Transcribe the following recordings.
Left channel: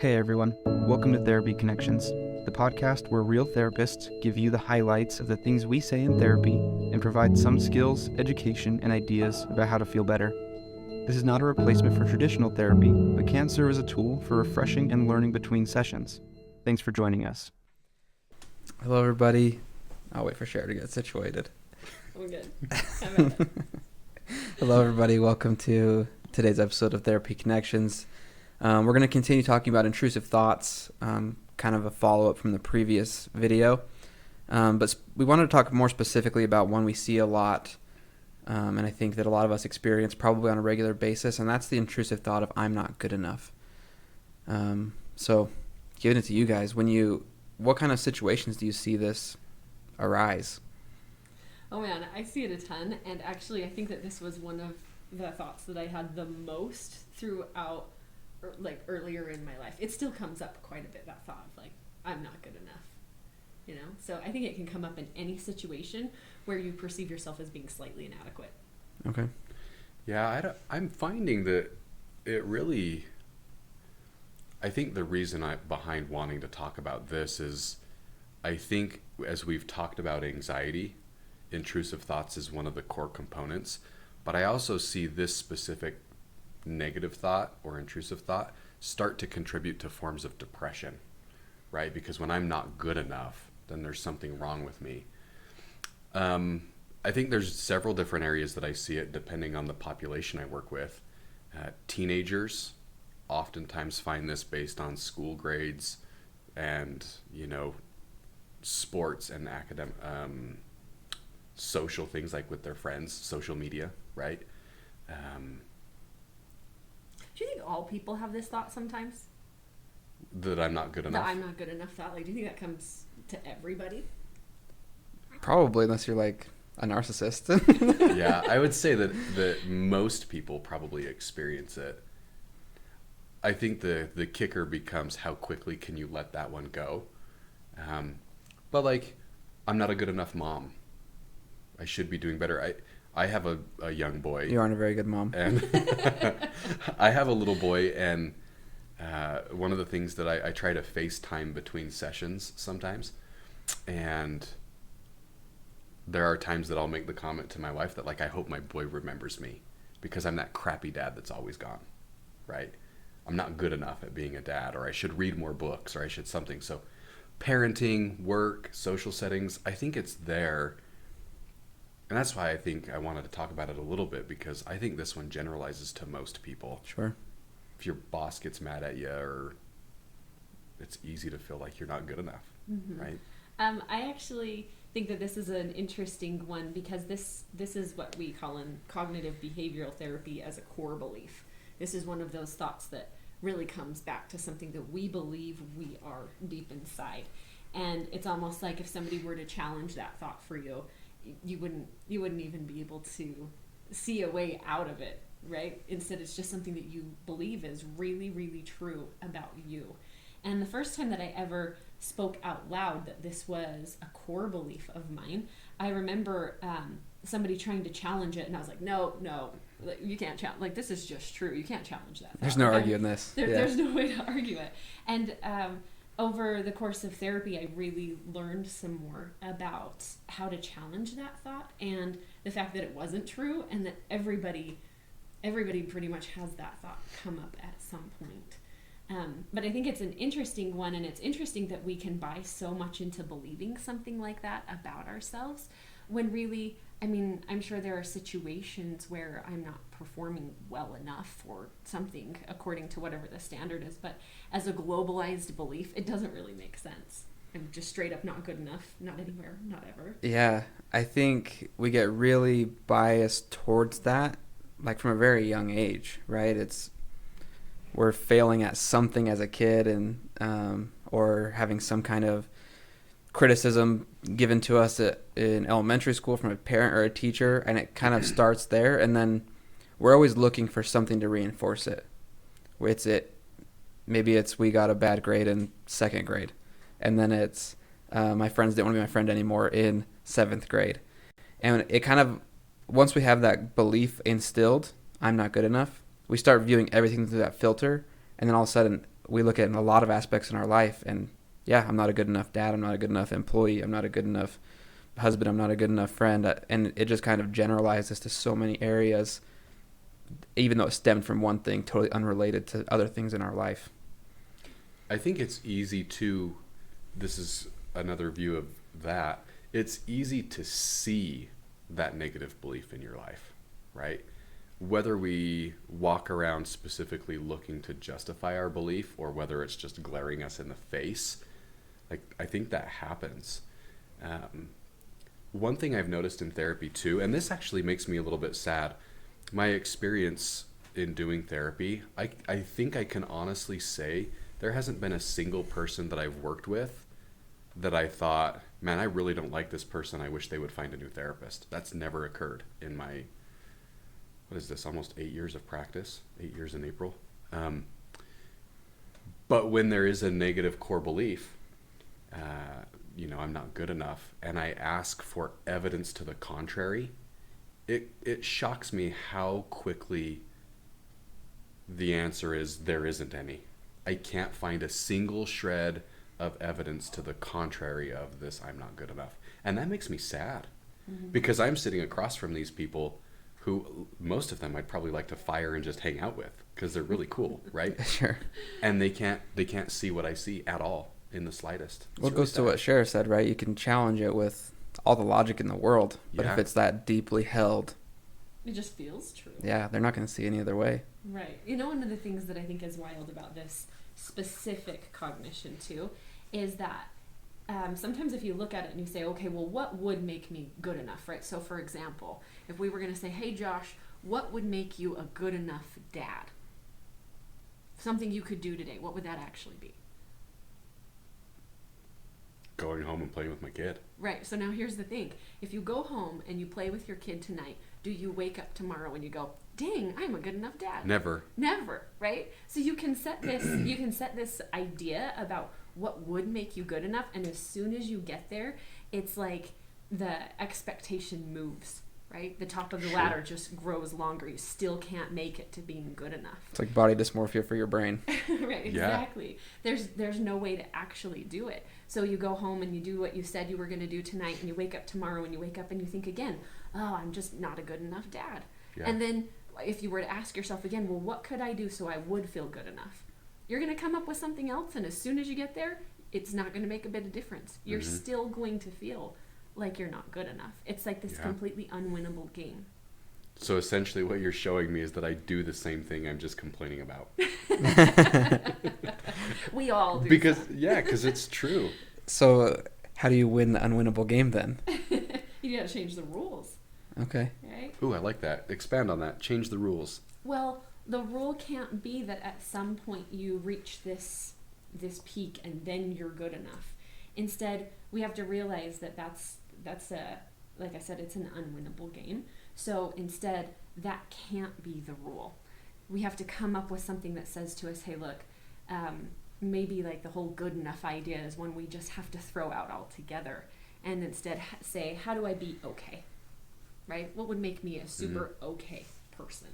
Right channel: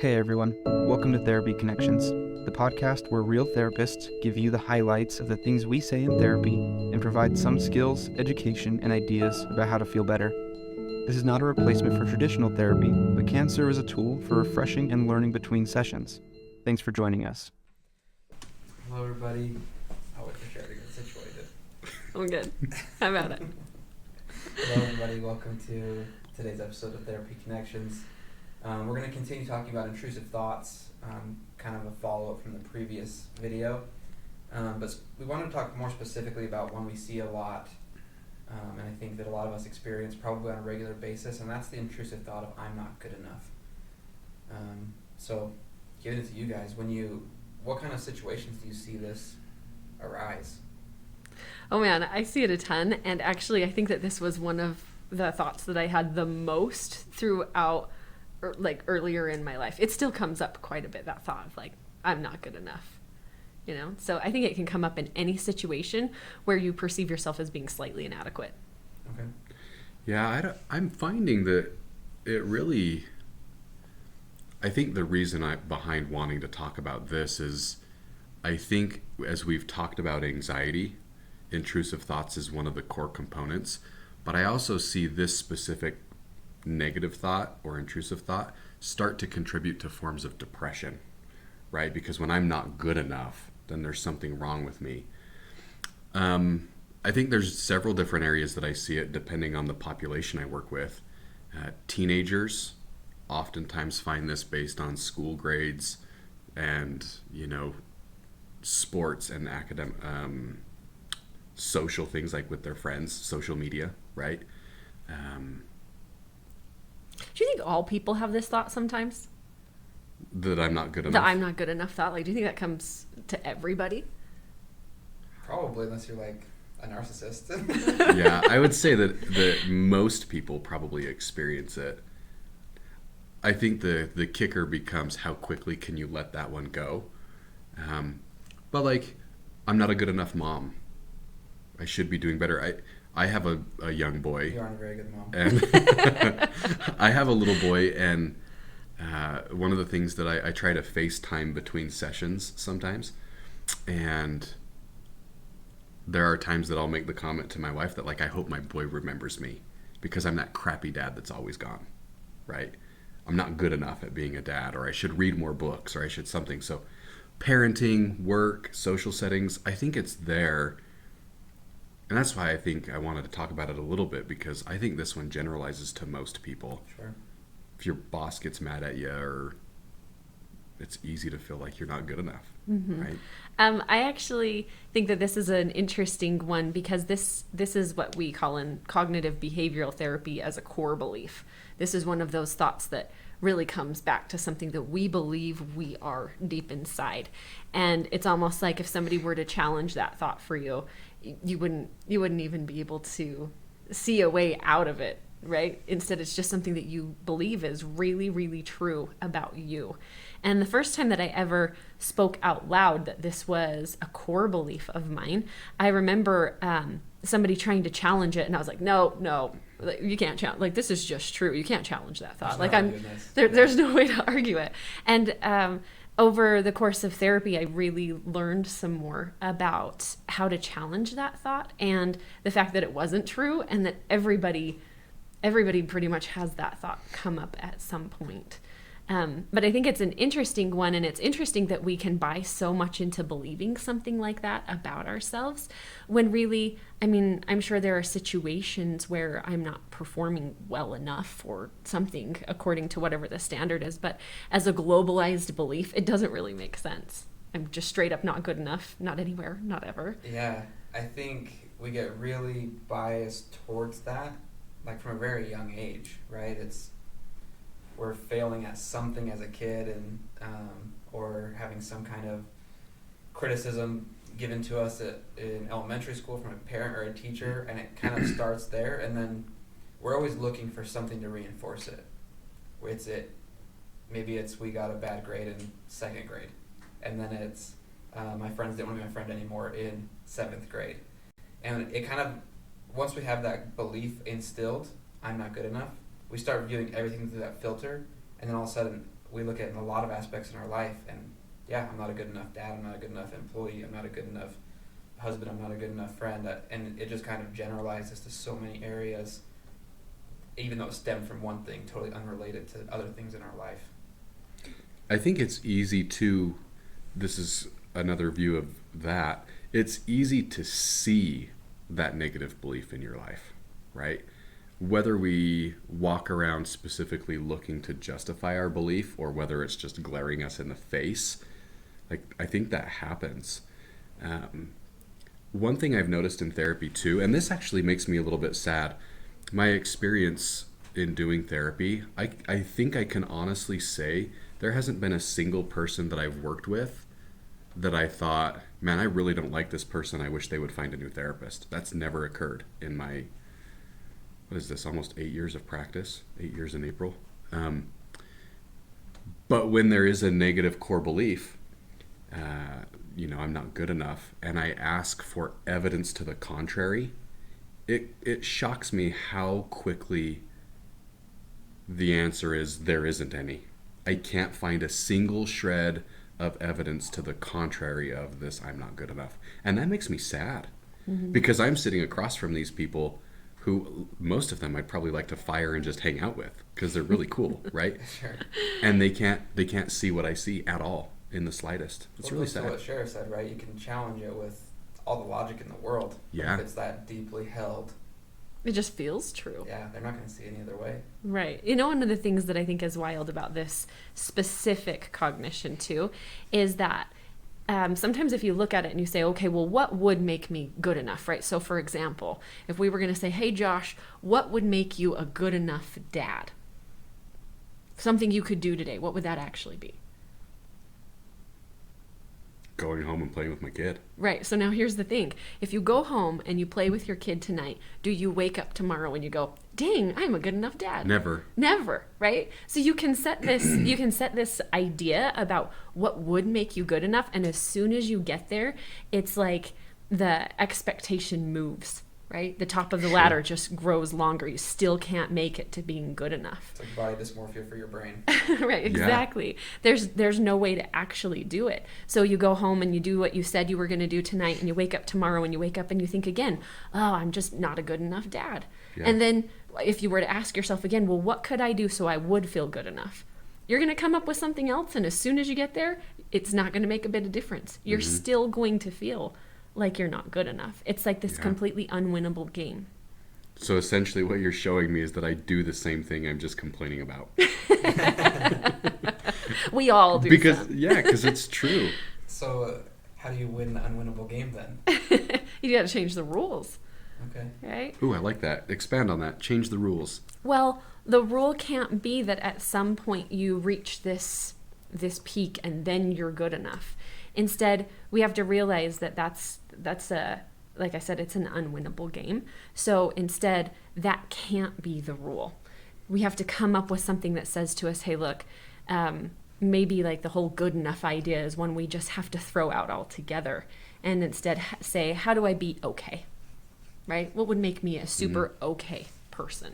Hey everyone, welcome to Therapy Connections, the podcast where real therapists give you the highlights of the things we say in therapy and provide some skills, education, and ideas about how to feel better. This is not a replacement for traditional therapy, but can serve as a tool for refreshing and learning between sessions. Thanks for joining us. Hello everybody. I'll wait for Cher to get situated. I'm good. I'm at it. Hello everybody. Welcome to today's episode of Therapy Connections. We're going to continue talking about intrusive thoughts, kind of a follow-up from the previous video. But we wanted to talk more specifically about one we see a lot, and I think that a lot of us experience probably on a regular basis, and that's the intrusive thought of I'm not good enough. So giving it to you guys, what kind of situations do you see this arise? Oh man, I see it a ton, and actually I think that this was one of the thoughts that I had the most throughout earlier in my life. It still comes up quite a bit, that thought of I'm not good enough, so I think it can come up in any situation where you perceive yourself as being slightly inadequate. Okay. Yeah, I'm finding that it really, I think the reason behind wanting to talk about this is, I think as we've talked about anxiety, intrusive thoughts is one of the core components, but I also see this specific negative thought or intrusive thought start to contribute to forms of depression, right? Because when I'm not good enough, then there's something wrong with me. I think there's several different areas that I see it depending on the population I work with. Teenagers oftentimes find this based on school grades and, sports and academic, social things like with their friends, social media, right? Do you think all people have this thought sometimes? That I'm not good enough? The I'm not good enough thought? Do you think that comes to everybody? Probably, unless you're a narcissist. Yeah, I would say that most people probably experience it. I think the kicker becomes how quickly can you let that one go. But I'm not a good enough mom. I should be doing better. I have a young boy. You aren't a very good mom. And I have a little boy, and one of the things that I try to FaceTime between sessions sometimes, and there are times that I'll make the comment to my wife that I hope my boy remembers me because I'm that crappy dad that's always gone, right? I'm not good enough at being a dad, or I should read more books, or I should something. So parenting, work, social settings, I think it's there. And that's why I think I wanted to talk about it a little bit, because I think this one generalizes to most people. Sure. If your boss gets mad at you, or it's easy to feel like you're not good enough, mm-hmm. right? I actually think that this is an interesting one, because this is what we call in cognitive behavioral therapy as a core belief. This is one of those thoughts that really comes back to something that we believe we are deep inside. And it's almost like if somebody were to challenge that thought for you, you wouldn't even be able to see a way out of it, right? Instead, it's just something that you believe is really, really true about you. And the first time that I ever spoke out loud that this was a core belief of mine, I remember somebody trying to challenge it, and I was like, no, you can't challenge. This is just true. You can't challenge that thought. There's no arguing this. There's no way to argue it. And over the course of therapy, I really learned some more about how to challenge that thought, and the fact that it wasn't true, and that everybody pretty much has that thought come up at some point. But I think it's an interesting one, and it's interesting that we can buy so much into believing something like that about ourselves, when really, I'm sure there are situations where I'm not performing well enough or something according to whatever the standard is, but as a globalized belief, it doesn't really make sense. I'm just straight up not good enough, not anywhere, not ever. Yeah, I think we get really biased towards that, from a very young age, right? We're failing at something as a kid, and or having some kind of criticism given to us in elementary school from a parent or a teacher, and it kind of starts there, and then we're always looking for something to reinforce it. Maybe it's we got a bad grade in 2nd grade, and then it's my friends didn't want to be my friend anymore in 7th grade. And it kind of, once we have that belief instilled, I'm not good enough, we start viewing everything through that filter, and then all of a sudden we look at in a lot of aspects in our life, and yeah, I'm not a good enough dad, I'm not a good enough employee, I'm not a good enough husband, I'm not a good enough friend, and it just kind of generalizes to so many areas, even though it stemmed from one thing totally unrelated to other things in our life. I think it's easy to, this is another view of that, it's easy to see that negative belief in your life, right? Whether we walk around specifically looking to justify our belief or whether it's just glaring us in the face, like I think that happens. One thing I've noticed in therapy too, and this actually makes me a little bit sad, my experience in doing therapy, I think I can honestly say there hasn't been a single person that I've worked with that I thought, man, I really don't like this person, I wish they would find a new therapist. That's never occurred in my, what is this, almost 8 years of practice, 8 years in April. But when there is a negative core belief, I'm not good enough, and I ask for evidence to the contrary, it shocks me how quickly the answer is there isn't any. I can't find a single shred of evidence to the contrary of this, I'm not good enough. And that makes me sad, because I'm sitting across from these people who, most of them I'd probably like to fire and just hang out with because they're really cool, right? Sure. And they can't see what I see at all in the slightest. It's Well, it really goes to sad. what Sheriff said, right? You can challenge it with all the logic in the world, but Yeah. if it's that deeply held, It just feels true. yeah, they're not going to see any other way. Right. You know, one of the things that I think is wild about this specific cognition too is that sometimes if you look at it and you say, okay, well, what would make me good enough, right? So for example, if we were going to say, hey, Josh, what would make you a good enough dad? Something you could do today, what would that actually be? Going home and playing with my kid. Right. So now here's the thing. If you go home and you play with your kid tonight, do you wake up tomorrow and you go, dang, I'm a good enough dad? Never. Never, right? So you can set this idea about what would make you good enough, and as soon as you get there, it's like the expectation moves, right? The top of the ladder just grows longer. You still can't make it to being good enough. It's like body dysmorphia for your brain. Right, exactly. There's no way to actually do it. So you go home and you do what you said you were going to do tonight, and you wake up tomorrow and you wake up and you think again, oh, I'm just not a good enough dad. Yeah. And then if you were to ask yourself again, well, what could I do so I would feel good enough? You're going to come up with something else, and as soon as you get there, it's not going to make a bit of difference. You're still going to feel like you're not good enough. It's like this completely unwinnable game. So essentially what you're showing me is that I do the same thing I'm just complaining about. We all do. Because it's true. So how do you win the unwinnable game then? You got to change the rules, Okay. right? Ooh, I like that. Expand on that. Change the rules. Well, the rule can't be that at some point you reach this peak and then you're good enough. Instead, we have to realize that that's a, like I said, it's an unwinnable game. So instead, that can't be the rule. We have to come up with something that says to us, hey, look, maybe like the whole good enough idea is one we just have to throw out altogether, and instead say, how do I be okay? Right? What would make me a super okay person?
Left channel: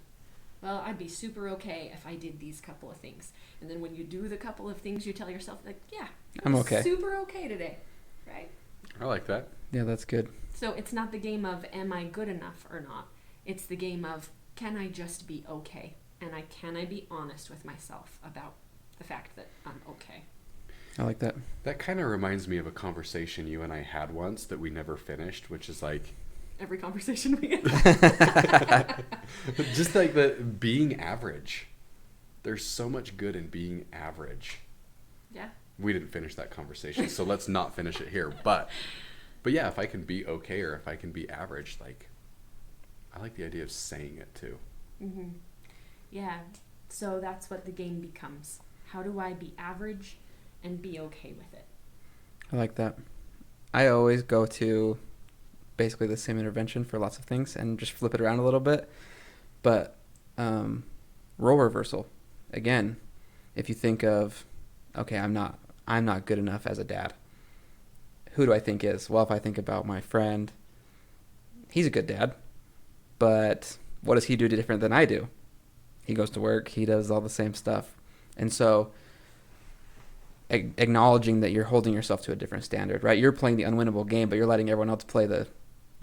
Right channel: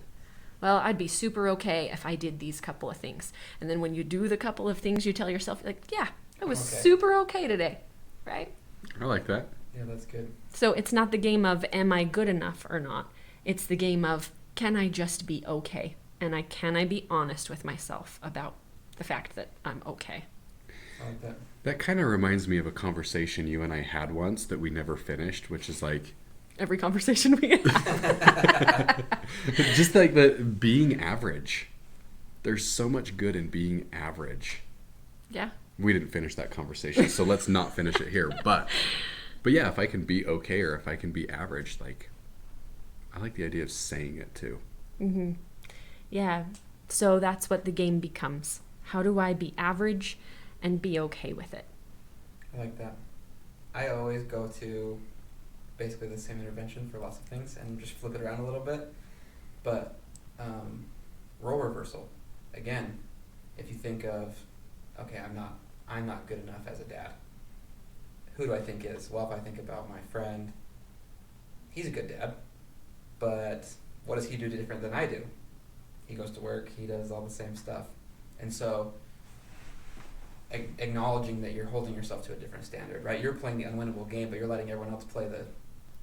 Well, I'd be super okay if I did these couple of things. And then when you do the couple of things, you tell yourself, like, yeah, I was super okay today, right? I like that. Yeah, that's good. So it's not the game of, am I good enough or not? It's the game of, can I just be okay? And can I be honest with myself about the fact that I'm okay? I like that. That kind of reminds me of a conversation you and I had once that we never finished, which is like, Every conversation we have. just like the being average. There's so much good in being average. Yeah. We didn't finish that conversation, so let's not finish it here. But yeah, if I can be okay or if I can be average, like, I like the idea of saying it too. Mm-hmm. Yeah. So that's what the game becomes. How do I be average and be okay with it? I like that. I always go to basically the same intervention for lots of things and just flip it around a little bit. But role reversal, again, if you think of, okay, I'm not good enough as a dad. Who do I think is? Well, if I think about my friend, he's a good dad, but what does he do different than I do? He goes to work, he does all the same stuff. And so acknowledging that you're holding yourself to a different standard, right? You're playing the unwinnable game, but you're letting everyone else play the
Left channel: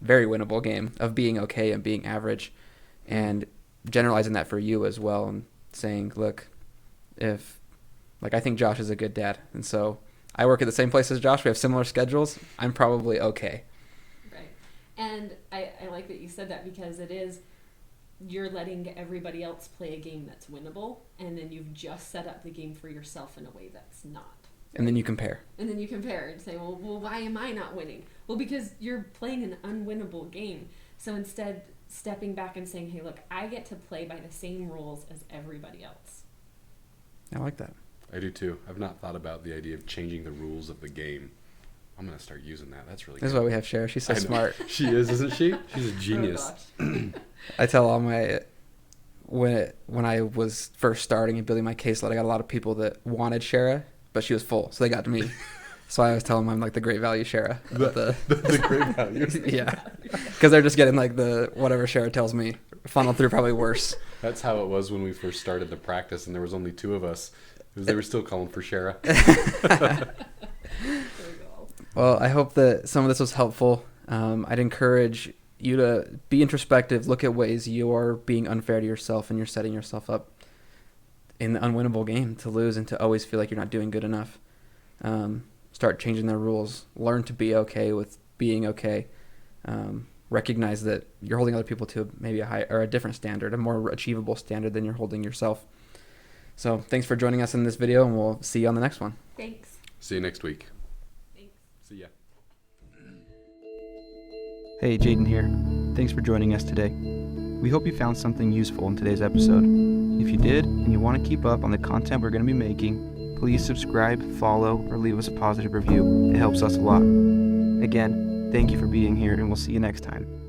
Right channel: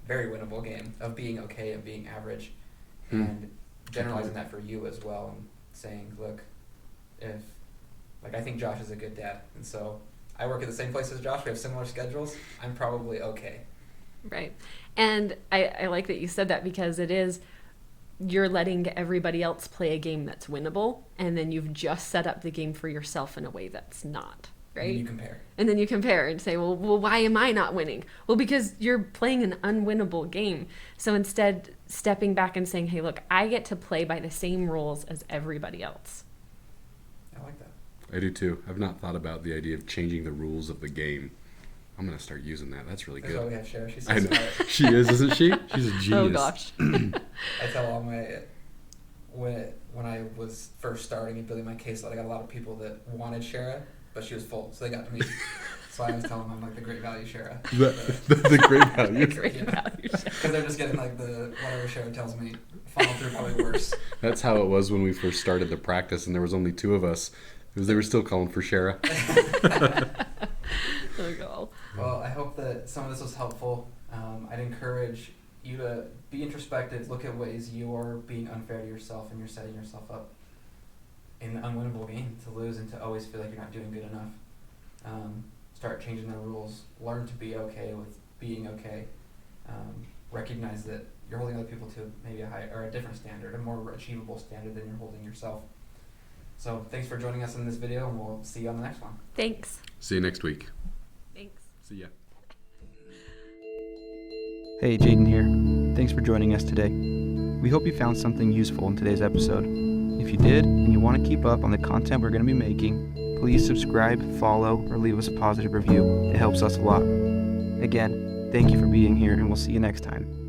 very winnable game of being okay and being average, and generalizing that for you as well, and saying, look, if, like, I think Josh is a good dad, and so I work at the same place as Josh. We have similar schedules. I'm probably okay. Right. And I like that you said that, because it is, you're letting everybody else play a game that's winnable, and then you've just set up the game for yourself in a way that's not. Right? And then you compare. And then you compare and say, well, why am I not winning? Well, because you're playing an unwinnable game. So instead, stepping back and saying, hey, look, I get to play by the same rules as everybody else. I like that. I do too. I've not thought about the idea of changing the rules of the game. I'm going to start using that. That's really good. That's why we have Shara. She's so smart. She is, isn't she? She's a genius. Oh, gosh. I tell all my, when I was first starting and building my caseload, I got a lot of people that wanted Shara, but she was full, so they got to me. So I always tell them I'm like the great value Shara. The great value. Yeah. Because they're just getting like the whatever Shara tells me funneled through, probably worse. That's how it was when we first started the practice, and there was only 2 of us. Because they were still calling for Shara. Well, I hope that some of this was helpful. I'd encourage you to be introspective, look at ways you're being unfair to yourself and you're setting yourself up in the unwinnable game to lose and to always feel like you're not doing good enough. Start changing their rules. Learn to be okay with being okay. Recognize that you're holding other people to maybe a high or a different standard, a more achievable standard than you're holding yourself. So thanks for joining us in this video, and we'll see you on the next one. Thanks. See you next week. Thanks. See ya. Hey, Jaden here. Thanks for joining us today. We hope you found something useful in today's episode. If you did, and you want to keep up on the content we're going to be making, please subscribe, follow, or leave us a positive review. It helps us a lot. Again, thank you for being here, and we'll see you next time.